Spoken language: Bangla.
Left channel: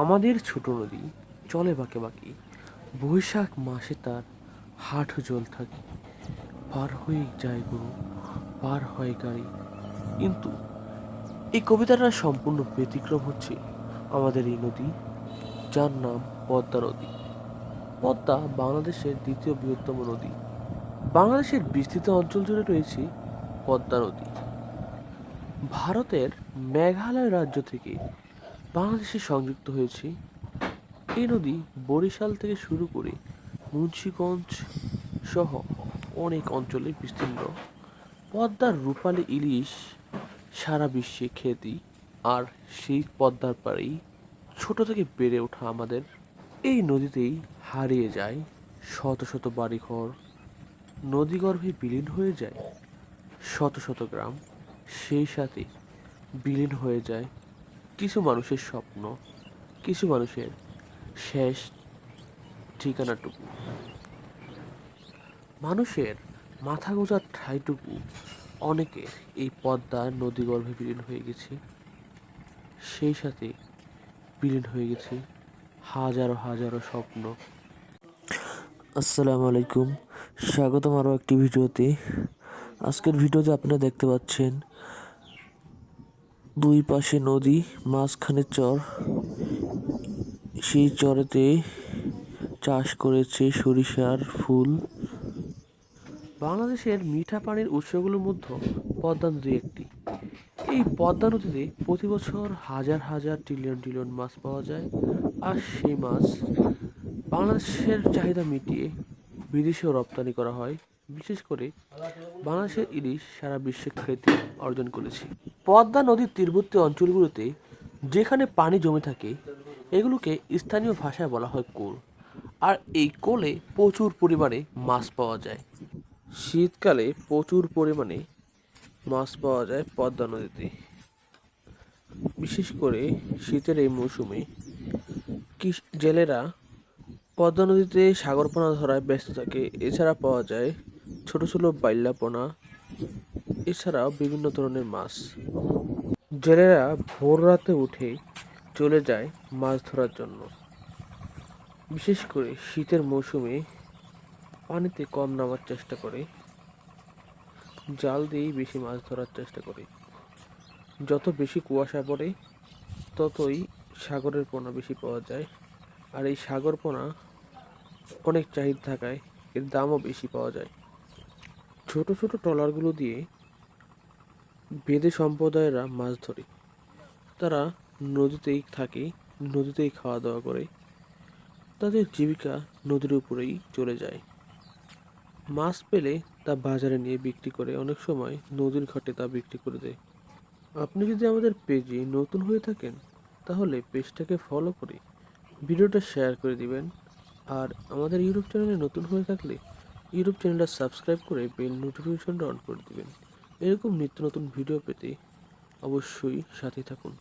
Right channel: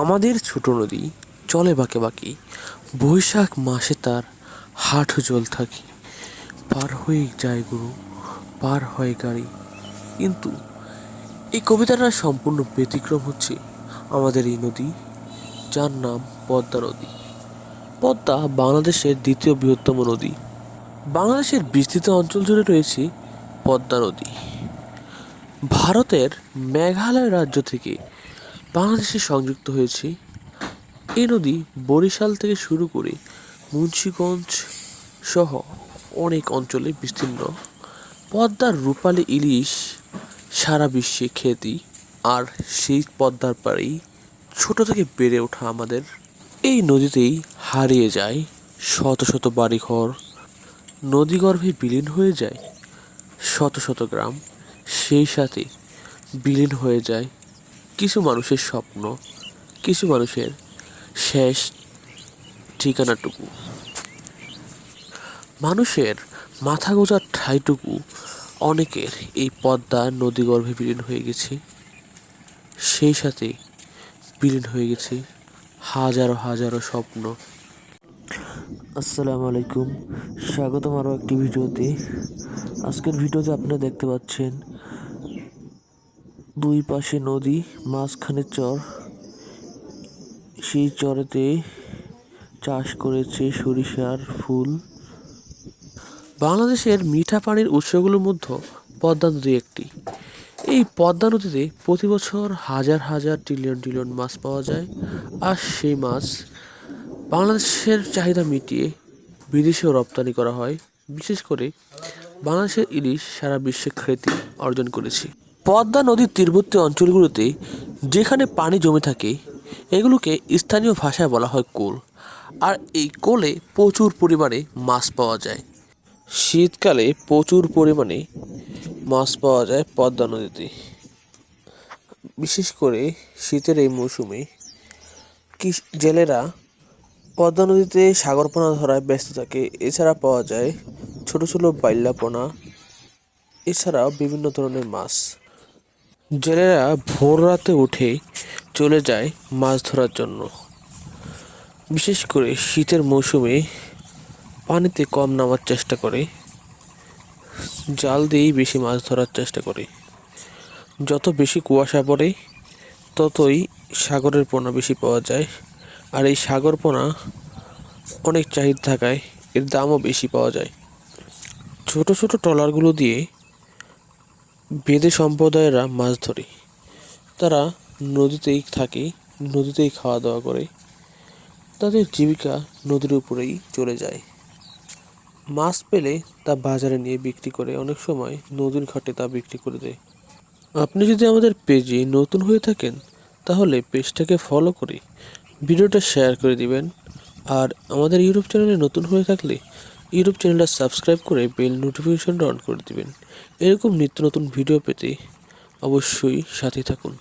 আমাদের ছোট নদী চলে বাঁকে বাঁকে। বৈশাখ মাসে তার হাঁটু জল থাকে। পার হয়ে যায় গরু, পার হয় গাড়ি। কিন্তু এই কবিতাটা সম্পূর্ণ ব্যতিক্রম হচ্ছে আমাদের এই নদী, যার নাম পদ্মা নদী। পদ্মা বাংলাদেশের দ্বিতীয় বৃহত্তম নদী। বাংলাদেশের বিস্তৃত অঞ্চল জুড়ে রয়েছে পদ্মা নদী। ভারতের মেঘালয় রাজ্য থেকে বাংলাদেশে সংযুক্ত হয়েছে। এই নদী বরিশাল থেকে শুরু করে মুন্সীগঞ্জ সহ অনেক অঞ্চলে বিস্তীর্ণ। পদ্মার রূপালী ইলিশ, সারা বিশ্বে খ্যাতি, আর সেই পদ্মার পাড়েই ছোট থেকে বেড়ে ওঠা আমাদের। এই নদীতেই হারিয়ে যায় শত শত বাড়িঘর। নদীগর্ভে বিলীন হয়ে যায় শত শত গ্রাম। সেই সাথে বিলীন হয়ে যায় কিছু মানুষের স্বপ্ন, কিছু মানুষের শেষ ঠিকানাটুকু। মানুষের মাথা গোজার ঠাইটুকু অনেকের এই পদ্মা নদীগর্ভে বিলীন হয়ে গেছে। সেই সাথে বিলীন হয়ে গেছে হাজারো হাজারো স্বপ্ন। আসসালামু আলাইকুম। স্বাগতম আরও একটি ভিডিওতে। আজকের ভিডিওতে আপনারা দেখতে পাচ্ছেন দুই পাশে নদী, মাঝখানে চর। সেই চরেতে চাষ করেছে সরিষার ফুল। বাংলাদেশের মিঠা পানির উৎসগুলোর মধ্যে পদ্মা নদী একটি। এই পদ্মা নদীতে প্রতি বছর হাজার হাজার ট্রিলিয়ন ট্রিলিয়ন মাছ পাওয়া যায়। আর সেই মাছ বাংলাদেশের চাহিদা মিটিয়ে বিদেশেও রপ্তানি করা হয়। বিশেষ করে বাংলাদেশের ইলিশ সারা বিশ্বে খ্যাতি অর্জন করেছে। পদ্মা নদীর তীরবর্তী অঞ্চলগুলোতে যেখানে পানি জমে থাকে, এগুলোকে স্থানীয় ভাষায় বলা হয় কোল। আর এই কোলে প্রচুর পরিমাণে মাছ পাওয়া যায়। শীতকালে প্রচুর পরিমাণে মাছ পাওয়া যায় পদ্মা নদীতে। বিশেষ করে শীতের এই মৌসুমে জেলেরা পদ্মা নদীতে সাগরপোনা ধরায় ব্যস্ত থাকে। এছাড়া পাওয়া যায় ছোট ছোট বাইল্লাপোনা, এছাড়াও বিভিন্ন ধরনের মাছ। জেলেরা ভোর রাতে উঠে চলে যায় মাছ ধরার জন্য। বিশেষ করে শীতের মৌসুমে পানিতে কম নামার চেষ্টা করে, জাল দিয়েই বেশি মাছ ধরার চেষ্টা করে। যত বেশি কুয়াশা পড়ে, ততই সাগরের পোনা বেশি পাওয়া যায়, আর এই সাগর পোনা অনেক চাহিদা থাকায় এর দামও বেশি পাওয়া যায়। ছোট ছোট ট্রলারগুলো দিয়ে বেদে সম্প্রদায়েরা মাছ ধরে। তারা নদীতেই থাকে, নদীতেই খাওয়া দাওয়া করে। তাদের জীবিকা নদীর উপরেই চলে যায়। মাছ পেলে তা বাজারে নিয়ে বিক্রি করে, অনেক সময় নদীর ঘাটে তা বিক্রি করে দেয়। আপনি যদি আমাদের পেজে নতুন হয়ে থাকেন, তাহলে পেজটাকে ফলো করে ভিডিওটা শেয়ার করে দিবেন। আর আমাদের ইউটিউব চ্যানেলে নতুন হয়ে থাকলে ইউটিউব চ্যানেলটা সাবস্ক্রাইব করে বেল নোটিফিকেশনটা অন করে দিবেন। এরকম নিত্য নতুন ভিডিও পেতে অবশ্যই সাথে থাকুন।